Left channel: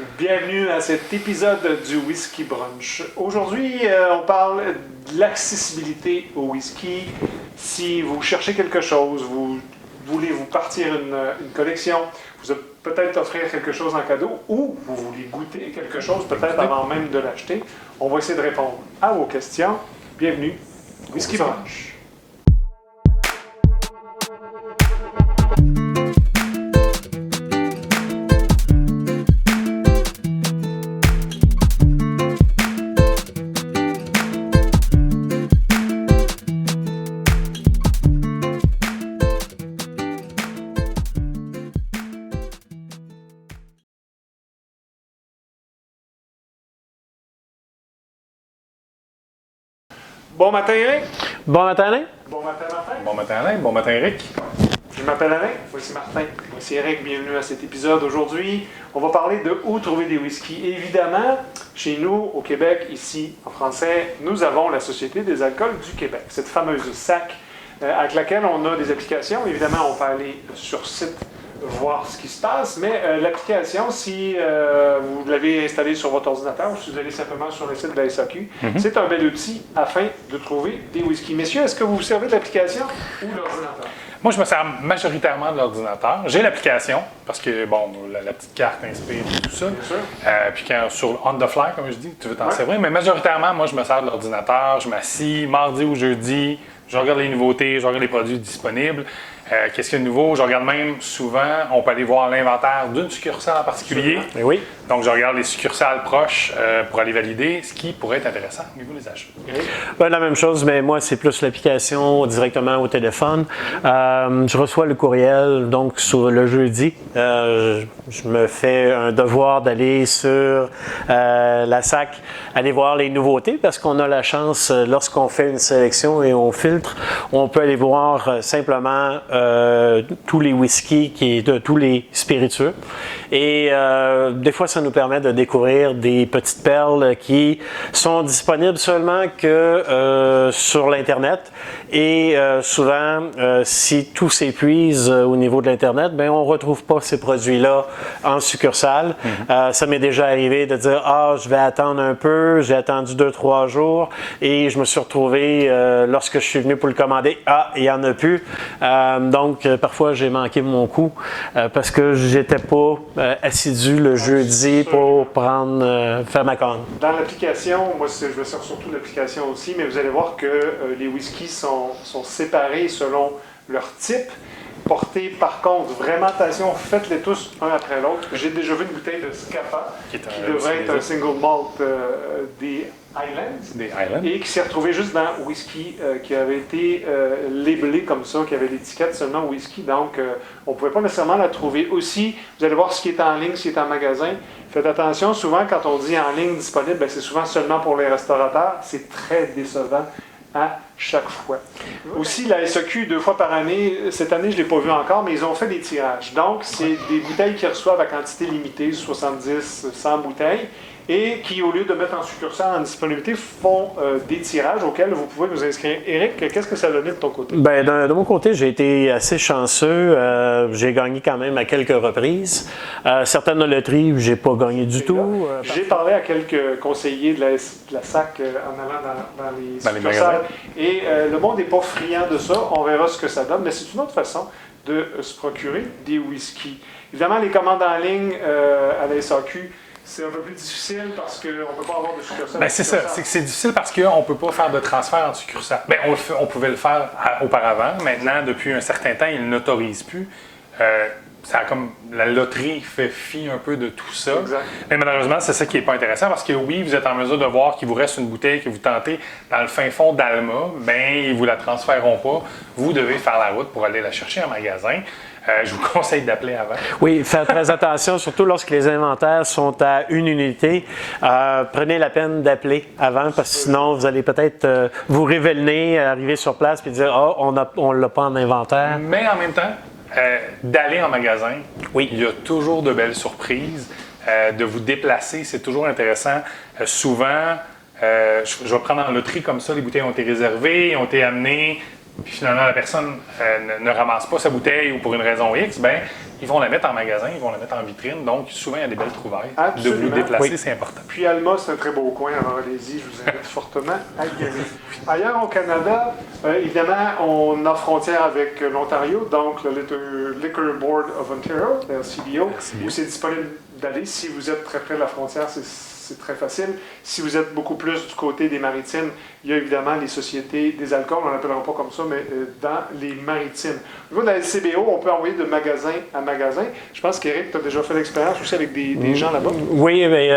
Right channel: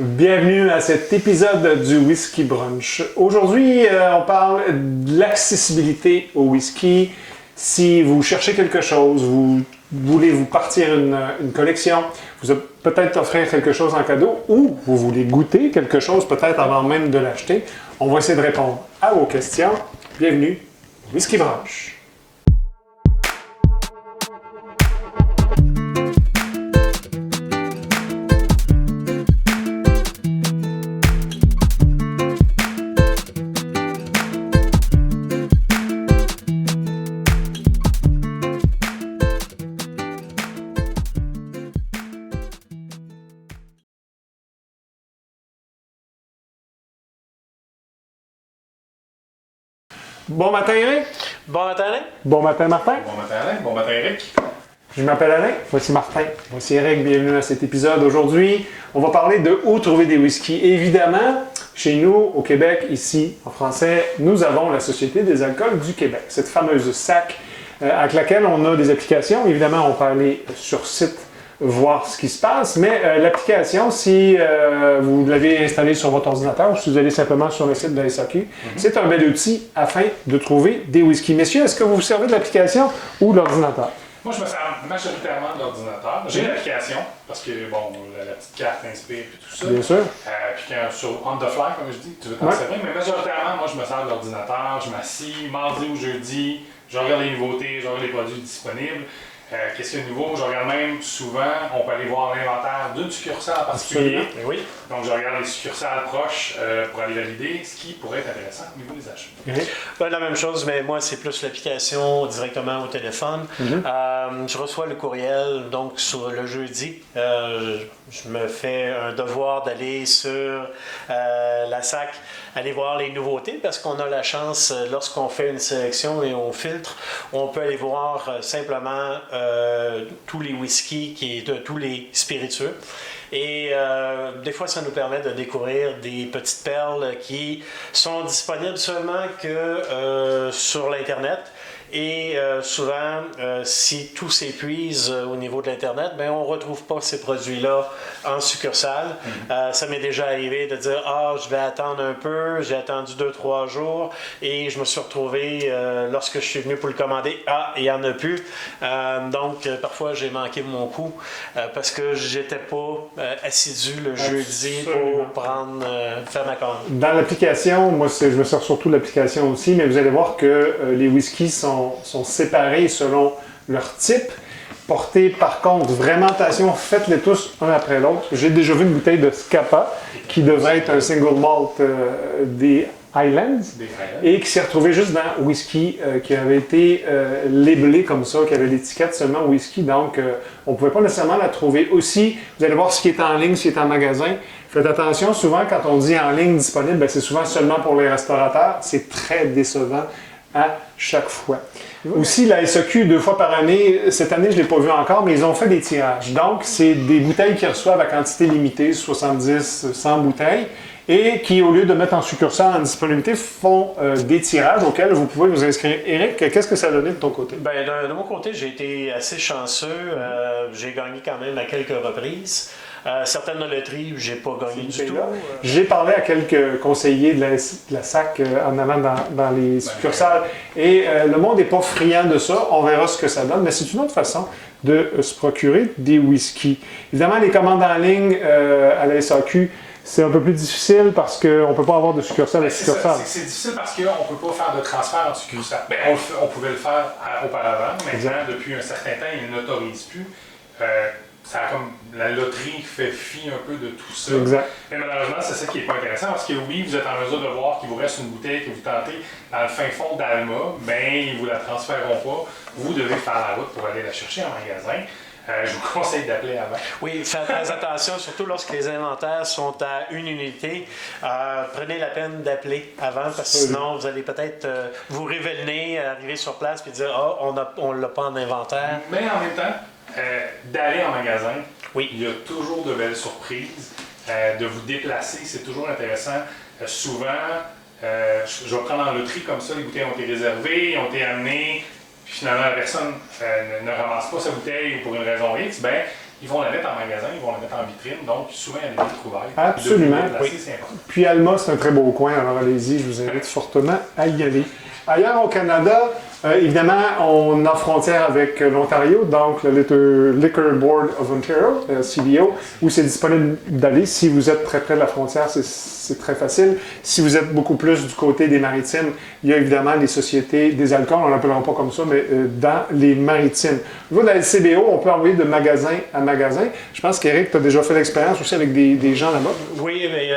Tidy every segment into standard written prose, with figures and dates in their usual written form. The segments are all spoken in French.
Bienvenue à cet épisode du Whisky Brunch. Aujourd'hui, on parle de l'accessibilité au whisky. Si vous cherchez quelque chose, vous voulez vous partir une collection, vous peut-être offrir quelque chose en cadeau ou vous voulez goûter quelque chose peut-être avant même de l'acheter, on va essayer de répondre à vos questions. Bienvenue au Whisky Brunch. Bon matin, Eric. Bon matin, Alain. Bon matin, Martin. Bon matin Alain, bon matin Eric. Je m'appelle Alain, voici Martin, voici Eric, bienvenue à cet épisode. Aujourd'hui, on va parler de où trouver des whiskies. Évidemment, chez nous, au Québec, ici, en français, nous avons la Société des alcools du Québec, cette fameuse SAC avec laquelle on a des applications. Évidemment, on peut aller sur site voir ce qui se passe, mais l'application, si vous l'avez installée sur votre ordinateur ou si vous allez simplement sur le site de la SAQ, c'est un bel outil afin de trouver des whiskies. Messieurs, est-ce que vous vous servez de l'application ou de l'ordinateur? Moi, je me sers majoritairement de l'ordinateur. J'ai l'application, parce que, bon, la petite carte inspire et tout ça. Bien sûr. Puis quand sur on the fly, comme je dis, tu veux t'en servir. Mais majoritairement, moi, je me sers de l'ordinateur. Je m'assis mardi ou jeudi, je regarde les nouveautés, je regarde les produits disponibles. Qu'est-ce qu'il y a de nouveau? Je regarde même souvent, on peut aller voir l'inventaire d'une succursale en particulier. Mais oui. Donc, je regarde les succursales proches pour aller valider ce qui pourrait être intéressant au niveau des achats. Ben, la même chose, mais moi, c'est plus l'application directement au téléphone. Je reçois le courriel, donc sur le jeudi. Je me fais un devoir d'aller sur la SAC, aller voir les nouveautés, parce qu'on a la chance, lorsqu'on fait une sélection et on filtre, on peut aller voir simplement tous les whiskies, tous les spiritueux. Et des fois, ça nous permet de découvrir des petites perles qui sont disponibles seulement que sur l'Internet. Et souvent, si tout s'épuise au niveau de l'Internet, ben on ne retrouve pas ces produits-là en succursale. Ça m'est déjà arrivé de dire « Ah, je vais attendre un peu, j'ai attendu 2-3 jours et je me suis retrouvé, lorsque je suis venu pour le commander, ah, il n'y en a plus. » Donc, parfois, j'ai manqué mon coup parce que j'étais pas assidu le jeudi pour faire ma commande. Dans l'application, moi, je me sers surtout de l'application aussi, mais vous allez voir que les whiskies sont séparés selon leur type. Portez par contre vraiment attention, faites-les tous un après l'autre. J'ai déjà vu une bouteille de Scapa qui devrait être un single malt des Highlands et qui s'est retrouvé juste dans whisky qui avait été labelé comme ça, qui avait l'étiquette seulement whisky, donc on ne pouvait pas nécessairement la trouver. Aussi, vous allez voir ce qui est en ligne, ce qui est en magasin. Faites attention, souvent quand on dit en ligne disponible, ben, c'est souvent seulement pour les restaurateurs. C'est très décevant à chaque fois. Aussi, la SAQ, 2 fois par année, cette année, je ne l'ai pas vu encore, mais ils ont fait des tirages. Donc, c'est des bouteilles qu'ils reçoivent à quantité limitée, 70, 100 bouteilles, et qui, au lieu de mettre en succursale en disponibilité, font des tirages auxquels vous pouvez vous inscrire. Eric, qu'est-ce que ça a donné de ton côté? Ben, de mon côté, j'ai été assez chanceux. J'ai gagné quand même à quelques reprises. Certaines loteries, j'ai pas gagné du tout. J'ai parlé à quelques conseillers de la SAC en allant dans les succursales. Et le monde n'est pas friand de ça. On verra ce que ça donne. Mais c'est une autre façon de se procurer des whiskies. Évidemment, les commandes en ligne à la SAQ, c'est un peu plus difficile parce qu'on ne peut pas avoir de succursale. C'est ça, c'est difficile parce qu'on ne peut pas faire de transfert en succursale. Bien, on pouvait le faire auparavant. Maintenant, depuis un certain temps, ils ne l'autorisent plus. La loterie fait fi un peu de tout ça. Exact. Mais malheureusement, c'est ça qui n'est pas intéressant parce que oui, vous êtes en mesure de voir qu'il vous reste une bouteille que vous tentez dans le fin fond d'Alma, mais ils ne vous la transféreront pas. Vous devez faire la route pour aller la chercher en magasin. Je vous conseille d'appeler avant. Oui, faites très attention, surtout lorsque les inventaires sont à une unité. Prenez la peine d'appeler avant, parce que sinon, vous allez peut-être vous révéler, arriver sur place et dire « Ah, on ne l'a pas en inventaire. » Mais en même temps, d'aller en magasin, oui. Il y a toujours de belles surprises. De vous déplacer, c'est toujours intéressant. Souvent, je vais prendre en loterie comme ça, les bouteilles ont été réservées, ont été amenées. Puis finalement, la personne ne ramasse pas sa bouteille ou pour une raison X, bien, ils vont la mettre en magasin, ils vont la mettre en vitrine, donc souvent il y a des belles trouvailles. Absolument. De vous déplacer, Oui. c'est important. Puis Alma, c'est un très beau coin, alors allez-y, je vous invite fortement à y aller. Ailleurs au Canada, évidemment, on a frontière avec l'Ontario, donc le Liquor Board of Ontario, CBO, où c'est disponible d'aller. Si vous êtes très près de la frontière, c'est très facile. Si vous êtes beaucoup plus du côté des maritimes, il y a évidemment les sociétés des alcools, on ne l'appellera pas comme ça, mais dans les maritimes. Au niveau de la LCBO, on peut envoyer de magasin à magasin. Je pense qu'Éric, tu as déjà fait l'expérience aussi avec des gens là-bas. Oui, mais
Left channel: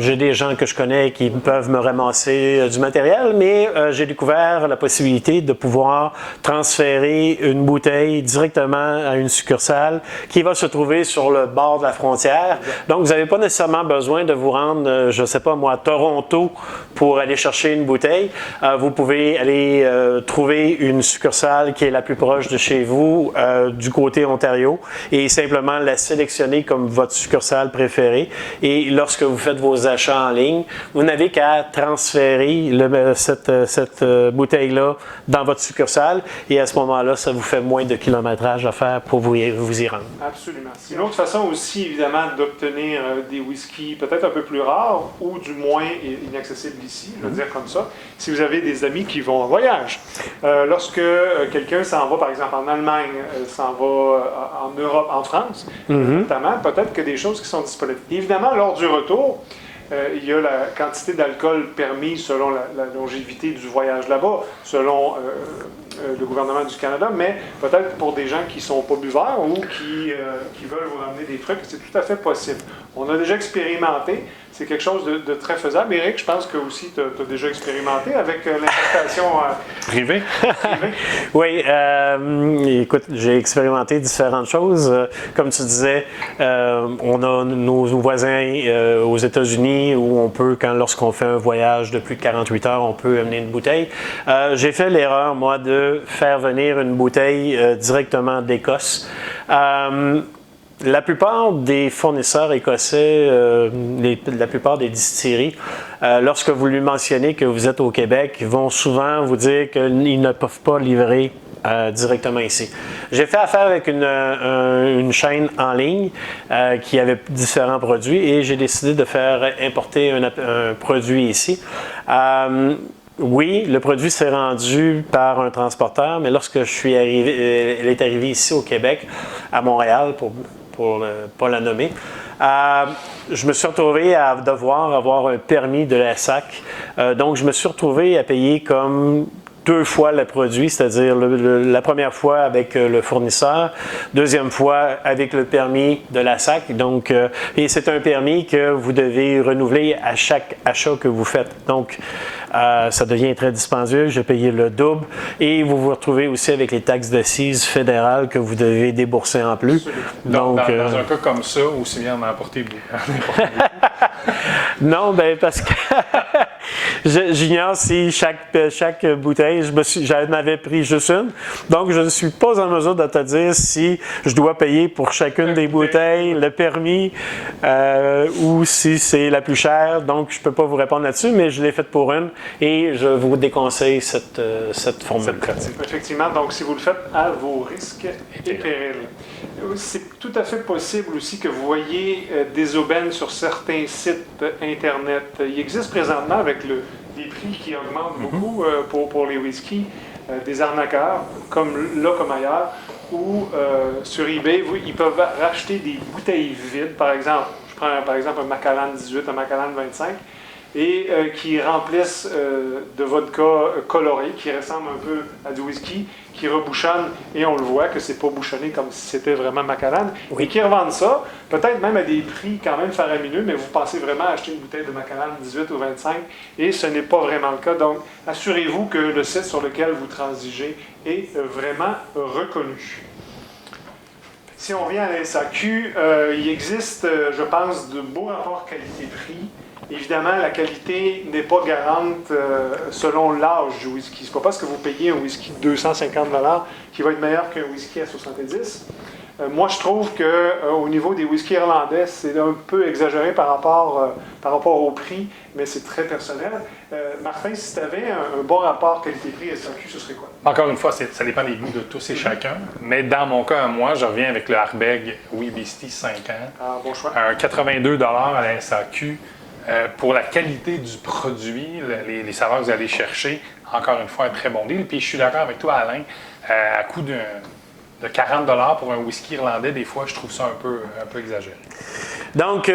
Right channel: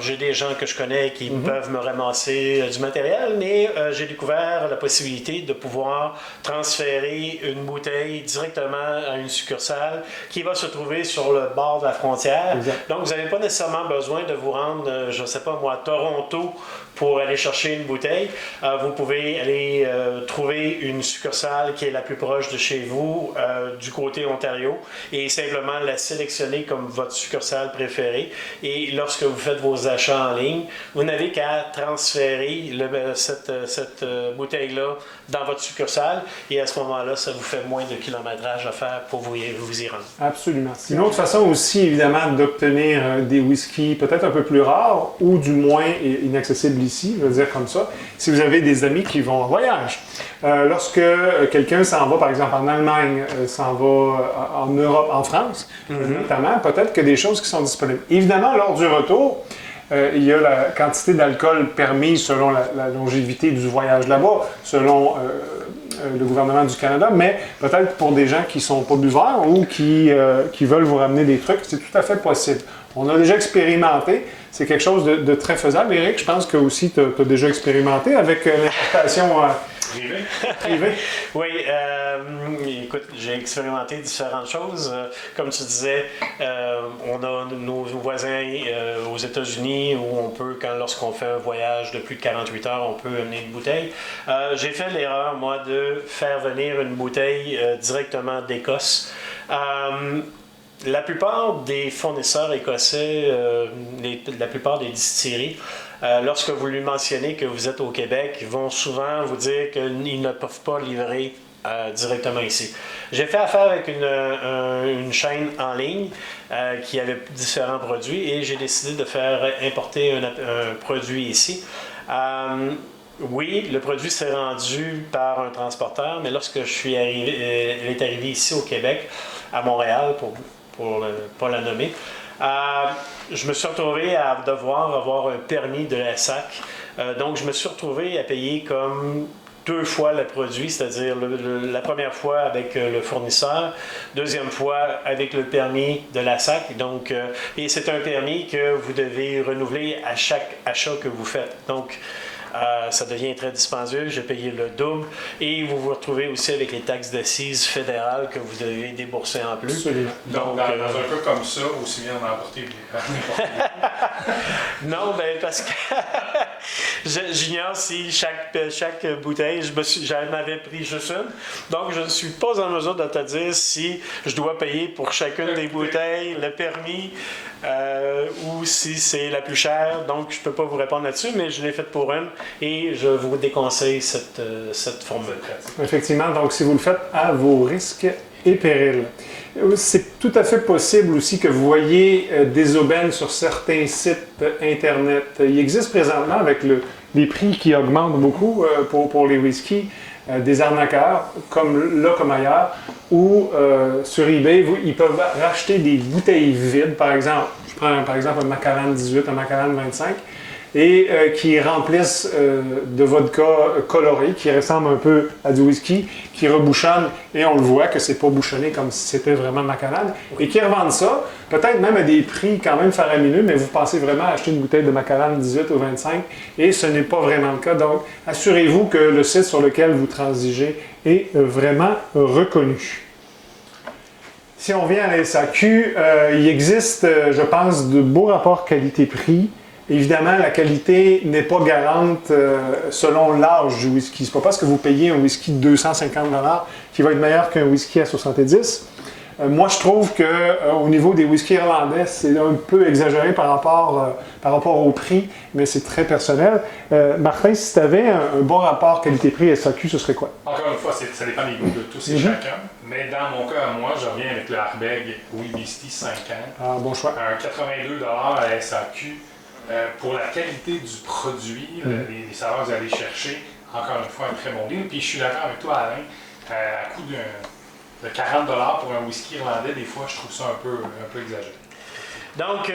j'ai des gens que je connais qui peuvent me ramasser du matériel, mais j'ai découvert la possibilité de pouvoir transférer une bouteille directement à une succursale qui va se trouver sur le bord de la frontière. Donc, vous n'avez pas nécessairement besoin de vous rendre, je ne sais pas moi, à Toronto pour aller chercher une bouteille. Vous pouvez aller trouver une succursale qui est la plus proche de chez vous, du côté Ontario, et simplement la sélectionner comme votre succursale préférée. Et lorsque vous faites vos achats en ligne, vous n'avez qu'à transférer cette bouteille-là dans votre succursale, et à ce moment-là, ça vous fait moins de kilométrage à faire pour vous y rendre. Absolument. C'est une autre façon aussi, évidemment, d'obtenir des whiskies peut-être un peu plus rares ou du moins inaccessibles ici, je veux dire comme ça, si vous avez des amis qui vont en voyage. Lorsque quelqu'un s'en va, par exemple, en Allemagne, s'en va en Europe, en France, notamment, peut-être que des choses qui sont disponibles. Évidemment, lors du retour, il y a la quantité d'alcool permise selon la longévité du voyage là-bas, selon le gouvernement du Canada, mais peut-être pour des gens qui ne sont pas buveurs ou qui veullen vous ramener des trucs, c'est tout à fait possible. On a déjà expérimenté, c'est quelque chose de très faisable. Éric, je pense que aussi tu as déjà expérimenté avec l'importation Privée. privée. Oui, écoute, j'ai expérimenté différentes choses. Comme tu disais, on a nos voisins aux États-Unis où on peut, lorsqu'on fait un voyage de plus de 48 heures, on peut amener une bouteille. J'ai fait l'erreur, moi, de faire venir une bouteille directement d'Écosse. La plupart des fournisseurs écossais, la plupart des distilleries, lorsque vous lui mentionnez que vous êtes au Québec, ils vont souvent vous dire qu'ils ne peuvent pas livrer directement ici. J'ai fait affaire avec une chaîne en ligne qui avait différents produits et j'ai décidé de faire importer un produit ici. Oui, le produit s'est rendu par un transporteur, mais lorsque elle est arrivée ici au Québec, à Montréal, pour pas la nommer, je me suis retrouvé à devoir avoir un permis de la SAC. Donc, je me suis retrouvé à payer comme 2 fois le produit, c'est-à-dire la première fois avec le fournisseur, deuxième fois avec le permis de la SAC. Donc, et c'est un permis que vous devez renouveler à chaque achat que vous faites. Donc, ça devient très dispendieux, j'ai payé le double et vous vous retrouvez aussi avec les taxes d'assises fédérales que vous devez débourser en plus. Donc dans un cas comme ça, aussi bien en emporter beaucoup. Non, ben parce que j'ignore si chaque bouteille, j'en avais pris juste une, donc je ne suis pas en mesure de te dire si je dois payer pour chacune des bouteilles le permis ou si c'est la plus chère, donc je ne peux pas vous répondre là-dessus, mais je l'ai faite pour une et je vous déconseille cette formule. Effectivement, donc si vous le faites à vos risques et périls. C'est tout à fait possible aussi que vous voyez des aubaines sur certains sites Internet. Il existe présentement, avec les prix qui augmentent beaucoup pour les whiskies, des arnaqueurs, comme ailleurs, où sur eBay, ils peuvent racheter des bouteilles vides, par exemple. Je prends par exemple un Macallan 18, un Macallan 25, et qui remplissent de vodka coloré, qui ressemble un peu à du whisky, qui rebouchonne, et on le voit que c'est pas bouchonné comme si c'était vraiment Macallan, et qui revendent ça, peut-être même à des prix quand même faramineux, mais vous pensez vraiment acheter une bouteille de Macallan 18 ou 25, et ce n'est pas vraiment le cas. Donc, assurez-vous que le site sur lequel vous transigez est vraiment reconnu. Si on vient à la SAQ, il existe, je pense, de beaux rapports qualité-prix. Évidemment, la qualité n'est pas garante selon l'âge du whisky. Ce n'est pas parce que vous payez un whisky de 250 $ qui va être meilleur qu'un whisky à 70. Moi, je trouve qu'au niveau des whisky irlandais, c'est un peu exagéré par rapport au prix, mais c'est très personnel. Martin, si tu avais un bon rapport qualité-prix SAQ, ce serait quoi? Encore une fois, ça dépend des goûts de tous et chacun. Mais dans mon cas, moi, je reviens avec le Ardbeg Oui Beastie 5 ans. Ah, bon choix. Un 82 à la SAQ. Pour la qualité du produit, les saveurs que vous allez chercher, encore une fois, un très bon deal. Puis je suis d'accord avec toi, Alain, à coût de 40 pour un whisky irlandais, des fois, je trouve ça un peu exagéré. Donc,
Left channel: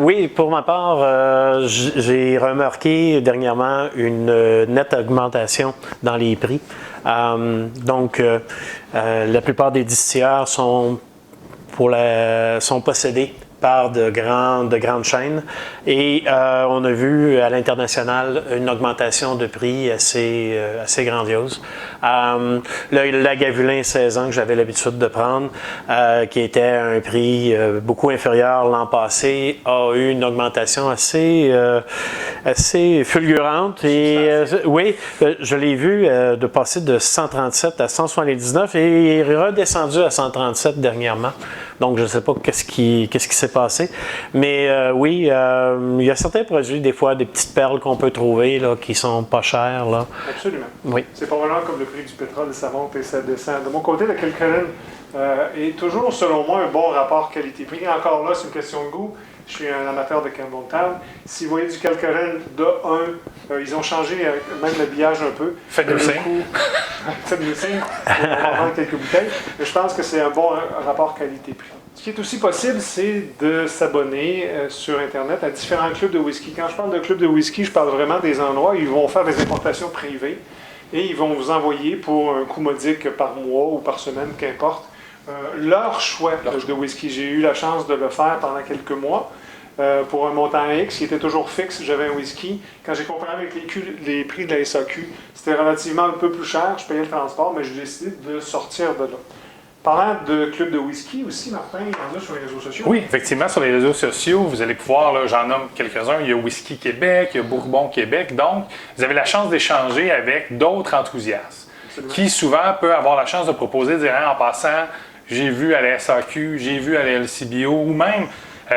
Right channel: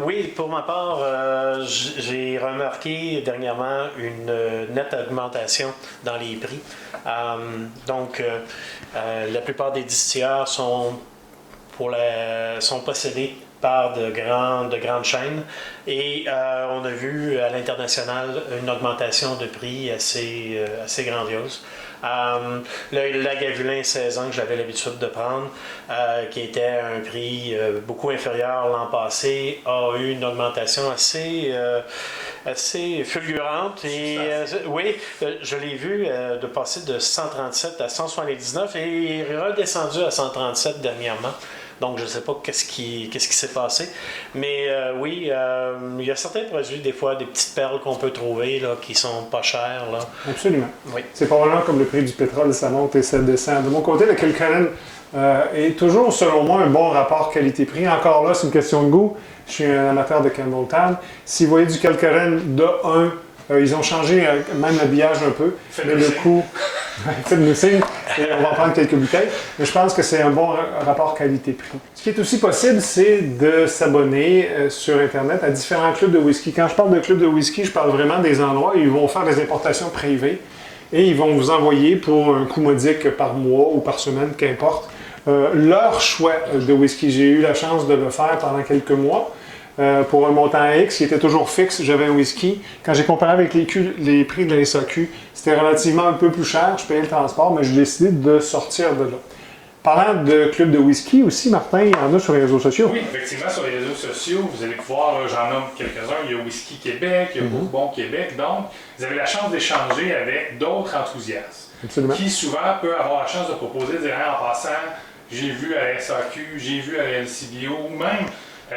oui, pour ma part, j'ai remarqué dernièrement une nette augmentation dans les prix. Donc, la plupart des distilleurs sont possédés par de grandes chaînes. Et on a vu à l'international une augmentation de prix assez grandiose. Le Lagavulin 16 ans que j'avais l'habitude de prendre, qui était à un prix beaucoup inférieur l'an passé, a eu une augmentation assez fulgurante. Et oui, je l'ai vu de passer de 137 à 179 et il est redescendu à 137 dernièrement. Donc, je ne sais pas qu'est-ce qui s'est passé. Mais oui, il y a certains produits, des fois, des petites perles qu'on peut trouver là, qui sont pas chères. Là. Absolument. Oui. C'est probablement comme le prix du pétrole, ça monte et ça descend. De mon côté, le Kilkerran est toujours, selon moi, un bon rapport qualité-prix. Encore là, c'est une question de goût. Je suis un amateur de Campbelltown. Si vous voyez du Kilkerran de 1, ils ont changé même l'habillage un peu. Faites-nous signe. Faites-nous signe. On va prendre quelques bouteilles. Mais je pense que c'est un bon rapport qualité-prix. Ce qui est aussi possible, c'est de s'abonner sur Internet à différents clubs de whisky. Quand je parle de clubs de whisky, je parle vraiment des endroits où ils vont faire des importations privées et ils vont vous envoyer pour un coût modique par mois ou par semaine, qu'importe, leur choix de whisky. J'ai eu la chance de le faire pendant quelques mois. Pour un montant X, il était toujours fixe, j'avais un whisky. Quand j'ai comparé avec les prix de la SAQ, c'était relativement un peu plus cher, je payais le transport, mais j'ai décidé de sortir de là. Parlant de club de whisky aussi, Martin, il y en a sur les réseaux sociaux. Oui, effectivement, sur les réseaux sociaux, vous allez pouvoir, là, j'en nomme quelques-uns, il y a Whisky Québec, il y a Bourbon Québec, donc vous avez la chance d'échanger avec d'autres enthousiastes. Absolument. Qui souvent peut avoir la chance de proposer, de dire en passant, j'ai vu à la SAQ, j'ai vu à la LCBO, ou même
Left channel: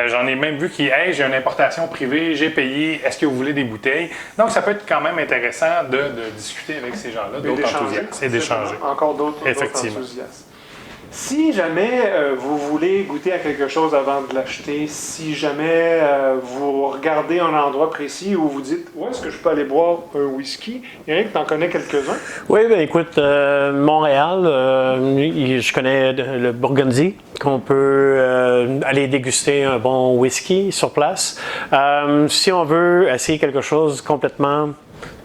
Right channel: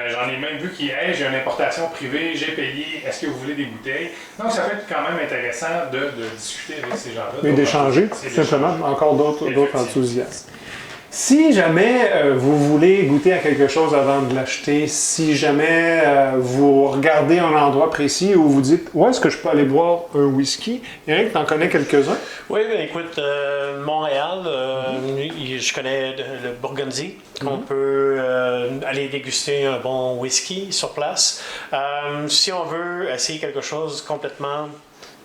j'en ai même vu qui hey, j'ai une importation privée, j'ai payé, est-ce que vous voulez des bouteilles? Donc, ça peut être quand même intéressant de discuter avec ces gens-là. Et d'échanger, simplement, encore d'autres enthousiastes. Si jamais vous voulez goûter à quelque chose avant de l'acheter, si jamais vous regardez un endroit précis où vous dites « Où est-ce que je peux aller boire un whisky? » Eric, tu en connais quelques-uns? Oui, bien écoute, Montréal, je connais le Burgundy, qu'on peut aller déguster un bon whisky sur place. Si on veut essayer quelque chose complètement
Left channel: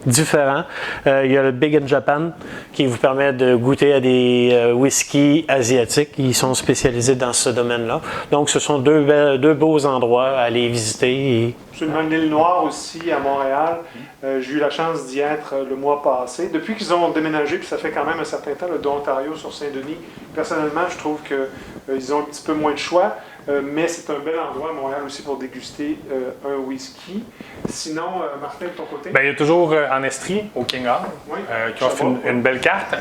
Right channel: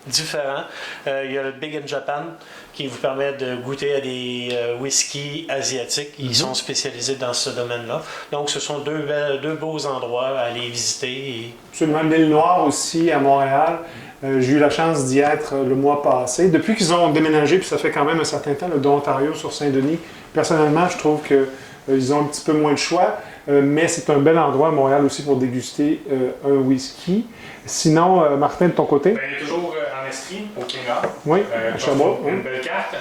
différent, il y a le Big in Japan qui vous permet de goûter à des whiskies asiatiques. Ils sont spécialisés dans ce domaine-là. Donc, ce sont deux beaux endroits à aller visiter. Absolument. L'île Noire aussi à Montréal. J'ai eu la chance d'y être le mois passé. Depuis qu'ils ont déménagé, puis ça fait quand même un certain temps, d'Ontario sur Saint-Denis, personnellement, je trouve qu'ils ont un petit peu moins de choix. Mais c'est un bel endroit à Montréal aussi pour déguster un whisky. Sinon, Martin, de ton côté? Bien, il y a toujours en Estrie, au King Hall, oui, qui ont une belle carte.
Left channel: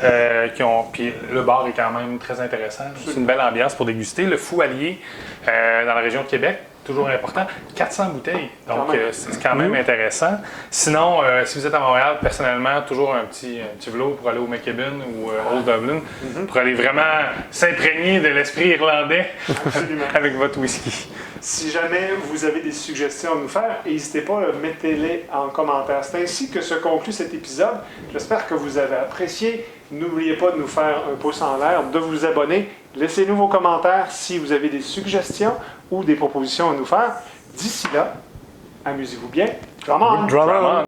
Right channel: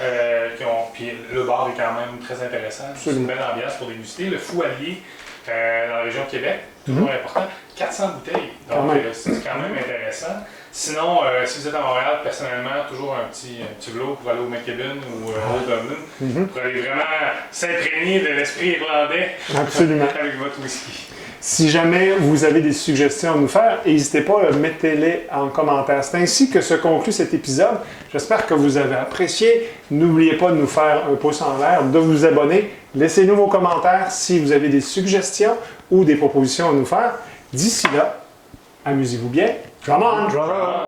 Puis le bar est quand même très intéressant. C'est une belle ambiance pour déguster. Le Fou Allier, dans la région de Québec, toujours important. 400 bouteilles, donc c'est quand même intéressant. Sinon, si vous êtes à Montréal, personnellement, toujours un petit vélo pour aller au McKibben ou Old Dublin, pour aller vraiment s'imprégner de l'esprit irlandais avec votre whisky. Si jamais vous avez des suggestions à nous faire, n'hésitez pas, mettez-les en commentaire. C'est ainsi que se conclut cet épisode. J'espère que vous avez apprécié. N'oubliez pas de nous faire un pouce en l'air, de vous abonner. Laissez-nous vos commentaires si vous avez des suggestions ou des propositions à nous faire. D'ici là, amusez-vous bien. Come on! Come on.